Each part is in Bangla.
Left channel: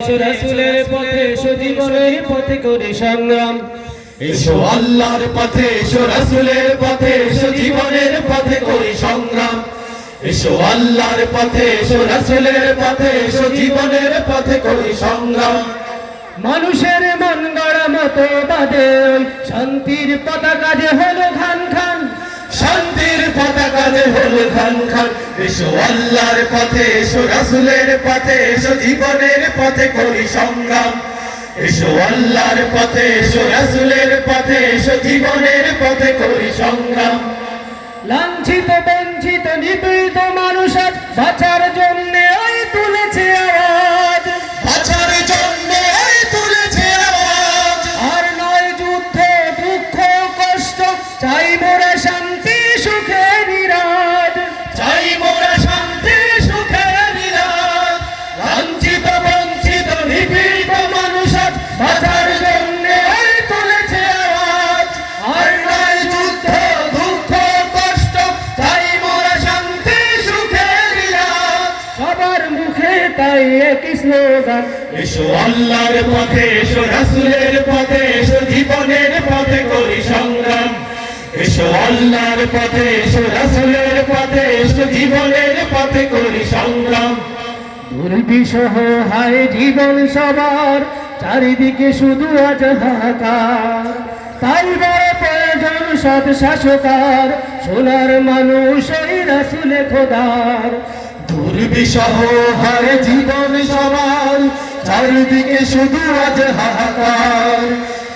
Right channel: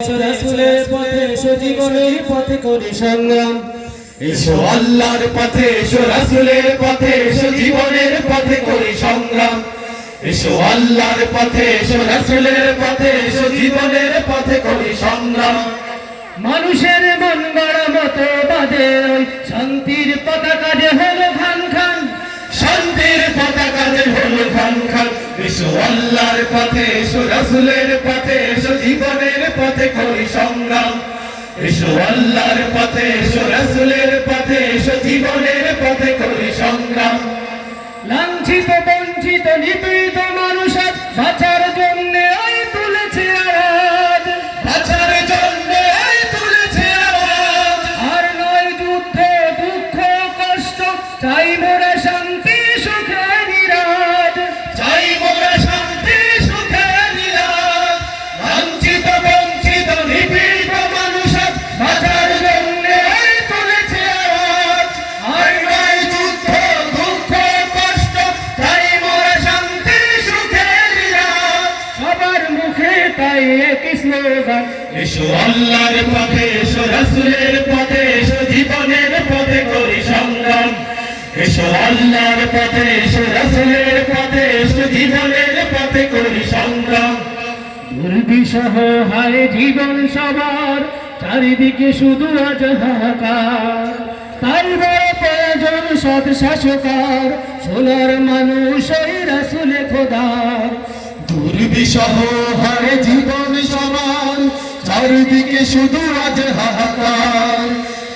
রাসূলের পথে এসো জীবনের পথে করি সংগ্রাম। এসো আল্লাহর পথে, এসো রাসূলের পথে, এসো জীবনের পথে করি সংগ্রাম। এসো আল্লাহর পথে, এসো রাসূলের পথে, এসো জীবনের পথে করি সংগ্রাম। মানুষের মন গড়া মতো বাদে ওই শান্তির পতাকা যে হলো খান খান, শান্তির পতাকা যে হলো খান খান। এসো আল্লাহর পথে, এসো রাসূলের পথে, এসো জীবনের পথে করি সংগ্রাম। এসো আল্লাহর পথে, এসো রাসূলের পথে, এসো জীবনের পথে করি সংগ্রাম। লাঞ্ছিত বঞ্চিত নিপীড়িত মানুষ আজ বাঁচার জন্য ওই তুলেছে আওয়াজ, বাঁচার জন্য ওই তুলেছে আওয়াজ। আর নয় যুদ্ধ দুঃখ কষ্ট, চাই মোরা শান্তি সুখে নিরাজ। চাই মোরা শান্তি সুখে নিরাজ। লাঞ্ছিত বঞ্চিত নিপীড়িত মানুষ আজ বাঁচার জন্য ওই তুলেছে আওয়াজ। আর নয় যুদ্ধ দুঃখ কষ্ট, চাই মোরা শান্তি সুখে নিরাজ। সবার মুখে তাই একই স্লোগান, এসো আল্লাহর পথে, এসো রাসূলের পথে, এসো জীবনের পথে করি সংগ্রাম। এসো আল্লাহর পথে, এসো রাসূলের পথে, এসো জীবনের পথে করি সংগ্রাম। দুর্বিষহ হায় জীবন সবার, চারিদিকে শুধু আজ হাহাকার। তাই বড় প্রয়োজন সৎ শাসকার, সোনার মানুষ ওই রাসূলে খোদার। দুর্বিষহ হয় জীবন সবার, চারিদিকে শুধু আজ হাহাকার।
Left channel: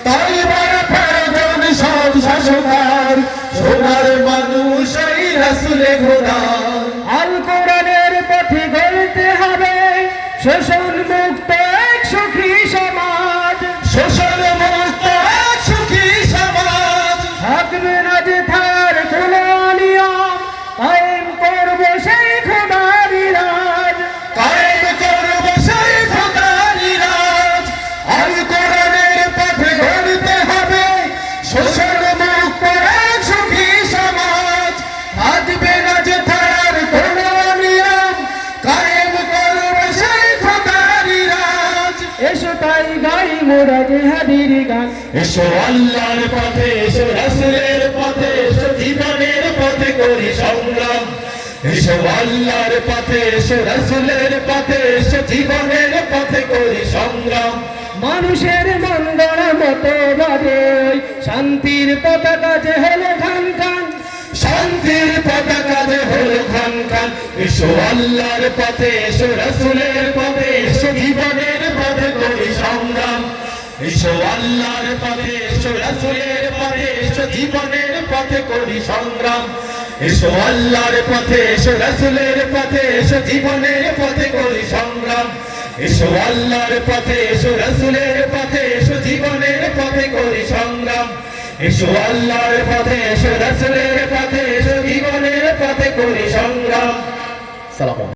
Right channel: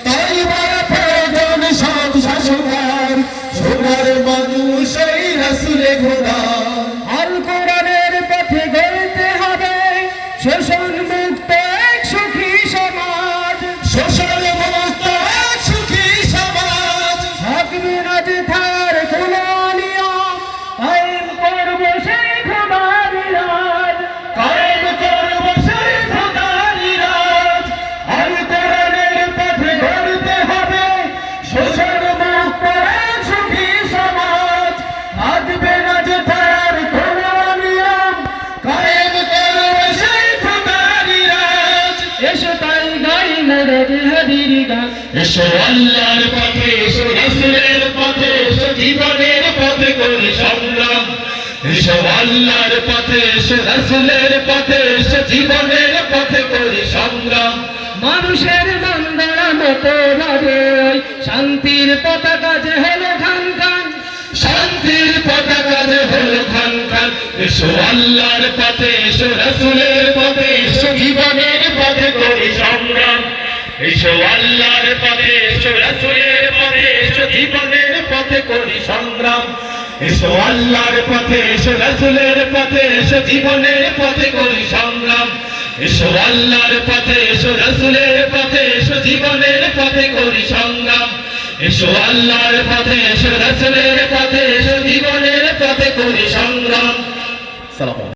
তাই বড় প্রয়োজন সৎ শাসকার, সোনার মানুষ এই রাসূলে খোদার। আল কোরআনের পথে গড়তে হবে শোষণ মুক্ত এক সুখী সমাজ। শোষণ মুক্ত এক সুখী সমাজ। থাকবে না যে থার কোনো নিয়ম, কায়েম করবো সেই খোদারি রাজ। কায়েম করব সেই খোদারি রাজ। আল কোরআনের পথে গড়তে হবে শোষণ মুক্ত এক সুখী সমাজ। থাকবে না যে থার কোনো নিয়ম, কায়েম করব সেই খোদারি রাজ। এসো তাই গাই মোরা জিহাদির গান, এসো আল্লাহর পথে, এসো রাসূলের পথে, এসো জীবনের পথে করি সংগ্রাম। এসো আল্লাহর পথে, এসো রাসূলের পথে, এসো জীবনের পথে করি সংগ্রাম। মানুষের মন গড়া মতো ভাবে ওই শান্তির পতাকা যে হলো খান খান। শান্তির পতাকা যে হলো খান খান। এসো আল্লাহর পথে, এসো রাসূলের পথে, এসো জীবনের পথে করি সংগ্রাম। এসো আল্লাহর পথে, এসো রাসূলের পথে, এসো জীবনের পথে করি সংগ্রাম। এসো আল্লাহর পথে, এসো রাসূলের পথে, এসো জীবনের পথে করি সংগ্রাম। এসো আল্লাহর পথে, এসো রাসূলের পথে, এসো জীবনের পথে করি সংগ্রাম। এসো আল্লাহর পথে, এসো রাসূলের পথে, এসো জীবনের পথে করি সংগ্রাম। সালাম।